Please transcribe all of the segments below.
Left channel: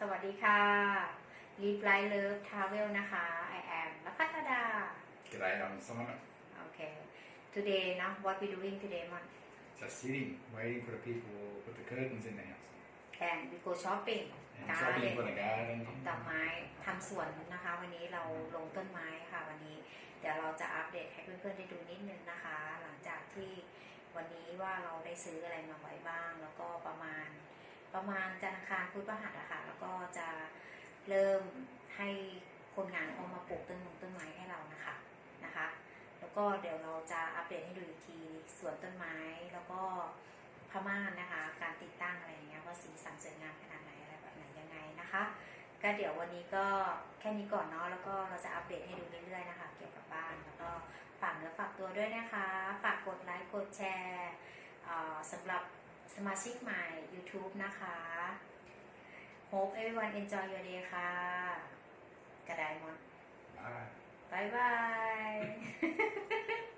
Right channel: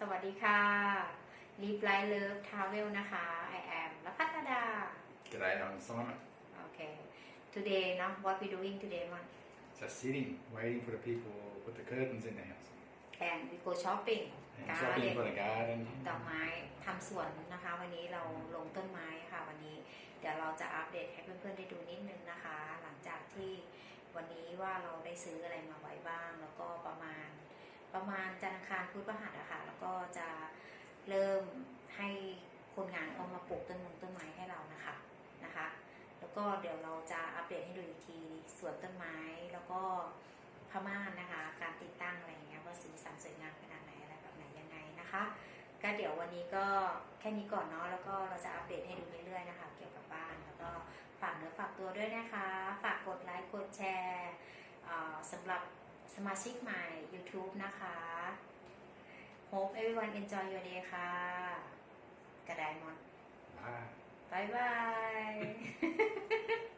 สวัสดีค่ะ Live Life Love Travel นะคะ I am ละพัฒดา G'day, I'm Simon. โอเค today นะ what we doing today Mon Just sitting, waiting for the people to put the curtains in the house. and we go shopping And garden shopping for the garden. ดอกไม้ทำสวนนะคะ วันนี้เราลงต้นไม้ค่ะ วันนี้เดี๋ยวเราจะอัปเดตให้เพื่อนๆได้ดูนิดนึงนะคะ หลังจากที่วันนี้ว่าเราได้ซื้ออะไรมาไว้บ้าง แล้วก็ประมาณ ประมาณจันทร์คารพุธพฤหัสอะค่ะ แล้วก็จะเริ่มให้คนงานออกมาปลูกต้นมงต้นไม้ให้เรานะคะนะคะ แล้วก็เดี๋ยวเราจะอัปเดตให้ดูอีกทีสวนต้นไม้แล้วก็พม่านนะคะ การติดตั้งอะไรอย่างเงี้ยว่าสีสันสวยงามขนาดไหนอะไรแบบไหนยังไงนะคะ ก็เดี๋ยววันนี้ก็แค่นี้ก่อนเนาะแล้วก็เราจะอัปเดตให้ดูเรื่อยๆนะคะ เกี่ยวกับบ้านแล้วก็ฝากเนื้อฝากตัวด้วยนะคะ ฝากกดไลค์กดแชร์สำหรับ สมาชิกใหม่ YouTube นะคะ Hope everyone enjoy your day ค่ะ กระไดมอน Bye. บายบาย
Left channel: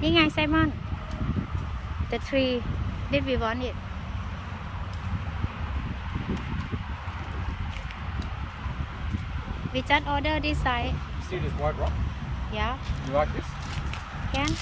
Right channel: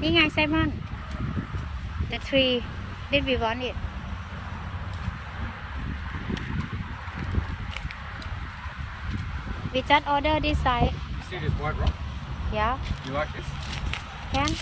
นี่ไงไซมอน the tree did we want it You See this white rock? Yeah. You like this? Can?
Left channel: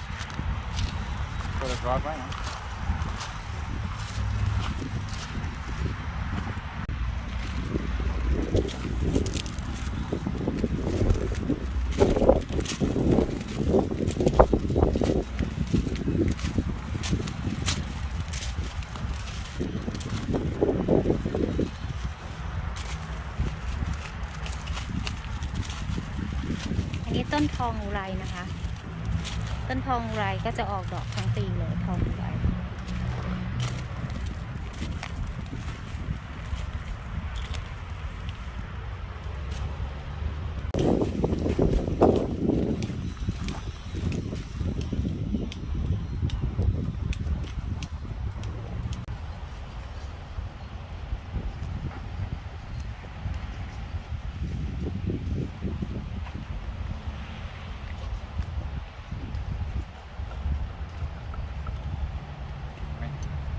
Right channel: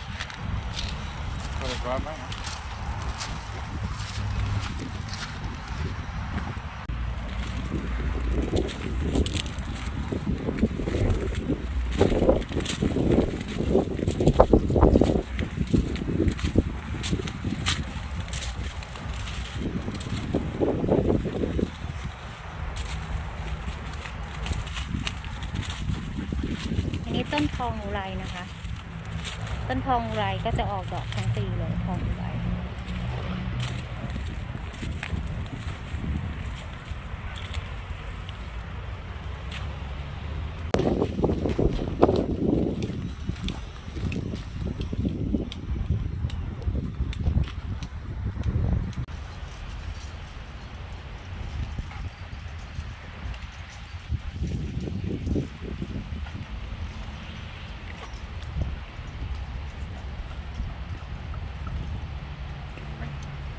ต้นทองอุไรนะคะ ต้นทองอุไรก็จะออกดอกทั้งปีเลยทองอุไร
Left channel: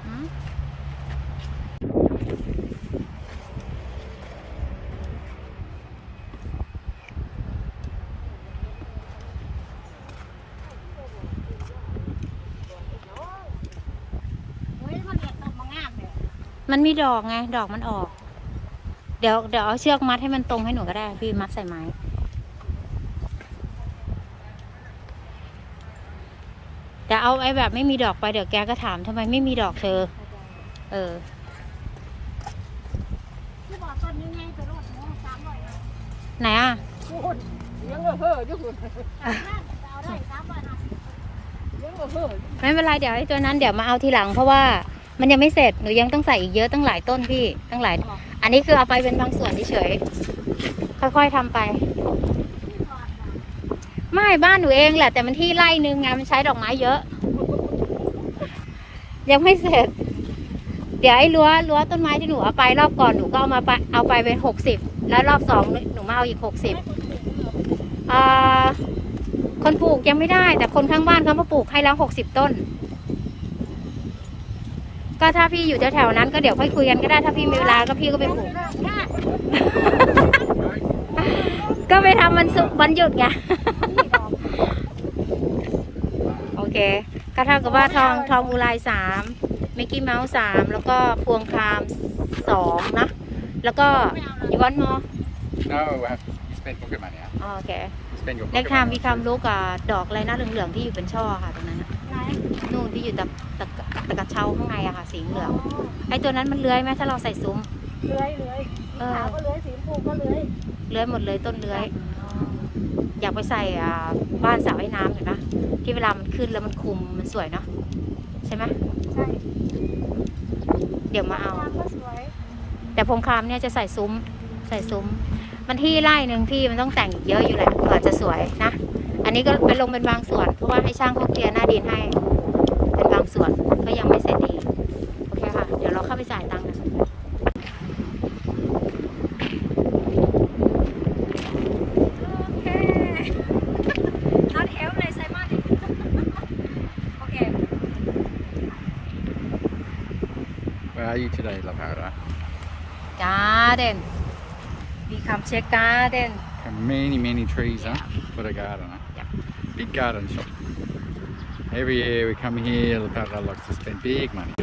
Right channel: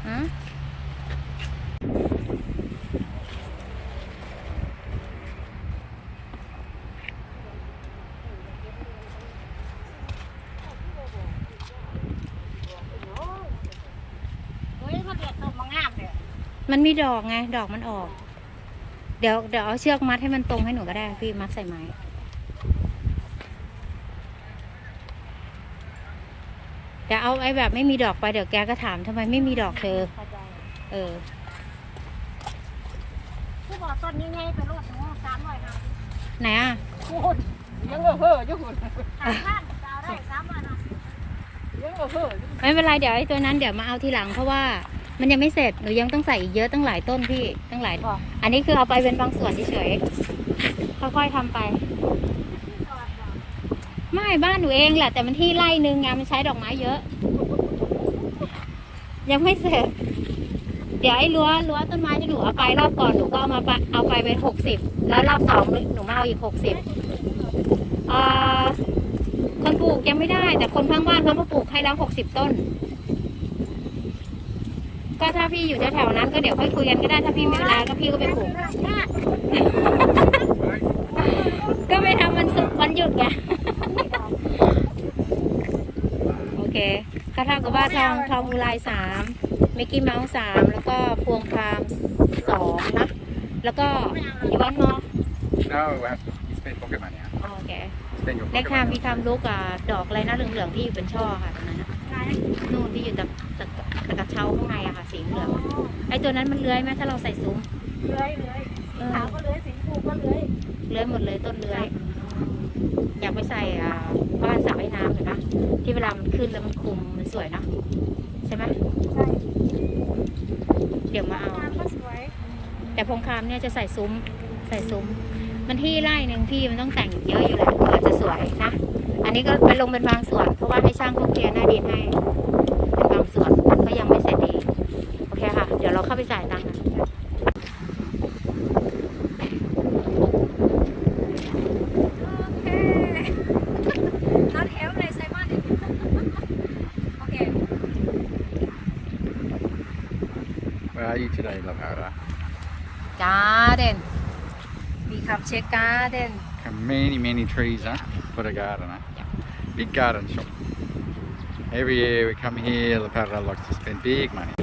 อืม เฮ้ยมันเด็ดต้นมะงามเลย มันมีดอกไง ดอกมันออก เดี๋ยวเดี๋ยวเอาเชือกมัดให้มันตรงให้หนูก็ได้ พี่มัดใส่ไม้เดี๋ยวเอาไอ้แบบไม่มีดอกไปเดี๋ยวแกก็ถามทำไมไม่มีดอกเธอเข้าใจเออที่บอกต้นยังไงไปรดหนูสามร้อยห้าสิบไหนอะคุณเลี้ยังเห่ออยู่คุณสามล้านจะเอาได้สามร้อยห้าสิบเลี้ยังเห่ออยู่ไม่เป็นไรเดี๋ยวไอ้ตัวนั้นเดี๋ยวมาเอาทีหลังเพราะว่า มันยังไม่เสร็จหนูยังต้องใส่อีกเยอะตั้งหลายต้นพี่ตั้งหลายอันนี้คือเอาไปเป็นบางส่วนเฉยๆค่อยๆทำไป ไม่บ้านหนูเองแหละ แต่มันที่ไร่นึงไงมันใช้ดอกไม้เยอะ ยังไม่เสร็จ เดี๋ยวไอ้รั้วรั้วต้นไม้ที่หนูเอาไปรอบก่อนหนูก็เอามาไปเอาไปเป็นหกสิบแล้วรอบสองหนูมาเอาอีกหกสิบอ่าคนปลูกยังไม่ได้ แต่คนข้างบ้านเขามาปลูกให้แล้วหกสิบต้น ก็ถ้าพี่อยู่แถวๆนั้นก็เดี๋ยวค่อยคุยกันก็ได้ถ้าพี่มีเวลาก็พี่ก็ไปปลูก ก็ไปทำวันศุกร์วันหยุดไง โอเค ก็เท่ากับว่าทองทองอุไรสามมิกกี้เมาส์สามแล้วก็พวงครามสองนะ แล้วก็อีกวันมอ No, uh, you spent pocket money, huh? โอเค Spend your เล็ก pocket ทาม money. มีคำรู้กับดอกอะไรนะเหลืองๆที่อยู่เป็นช่อค่ะตรงนั้นอะนู่นที่อยู่ตะตะ ตะกระเช้าข้างในอะค่ะ สีเหลือง ไอตัวนั้นมันเลื้อยไหมถ้าเราใส่ซุ้ม เลื้อยเลื้อยเออขาวก็เลื้อยสีชมพูก็เลื้อยเลื้อยหมดเลยต้นเลื้อย อยากไปใส่อ่าบ้านสระว่ายน้ำเห็นปะที่เวลามันขึ้นแล้วมันคุมมันสวยเนาะใช่ไหมใช่เดี๋ยวมาเอางามก็สวยแต่พงคามเนี่ยจะใส่ซุ้มใส่ซุ้ม มันที่ไร่หนึ่งที่มันต้องแต่งเยอะอยู่แหละกว่าจะสวยนะ อันนี้ก็ไปลงเป็นบางส่วน เพราะว่าให้ช่างเขาเคลียร์หน้าดินให้เป็นบาง ส่วนก็ยังไม่เสร็จดีโอเคค่ะ เดี๋ยวเราเข้าไปจ่ายตังค์กันโอเค not help เลยไซมอนโอเค Where are you today, Lavara? garden we come check garden Many, many trees, huh? For the garden, huh? Big garden shop. Every year we come here, Lavara likes to spend big money.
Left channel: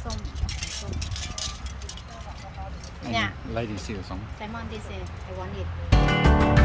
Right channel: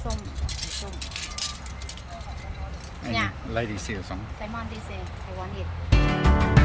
สีส้มสีส้ม And Yeah. Lady see the song. ไซมอนดีเซ I want it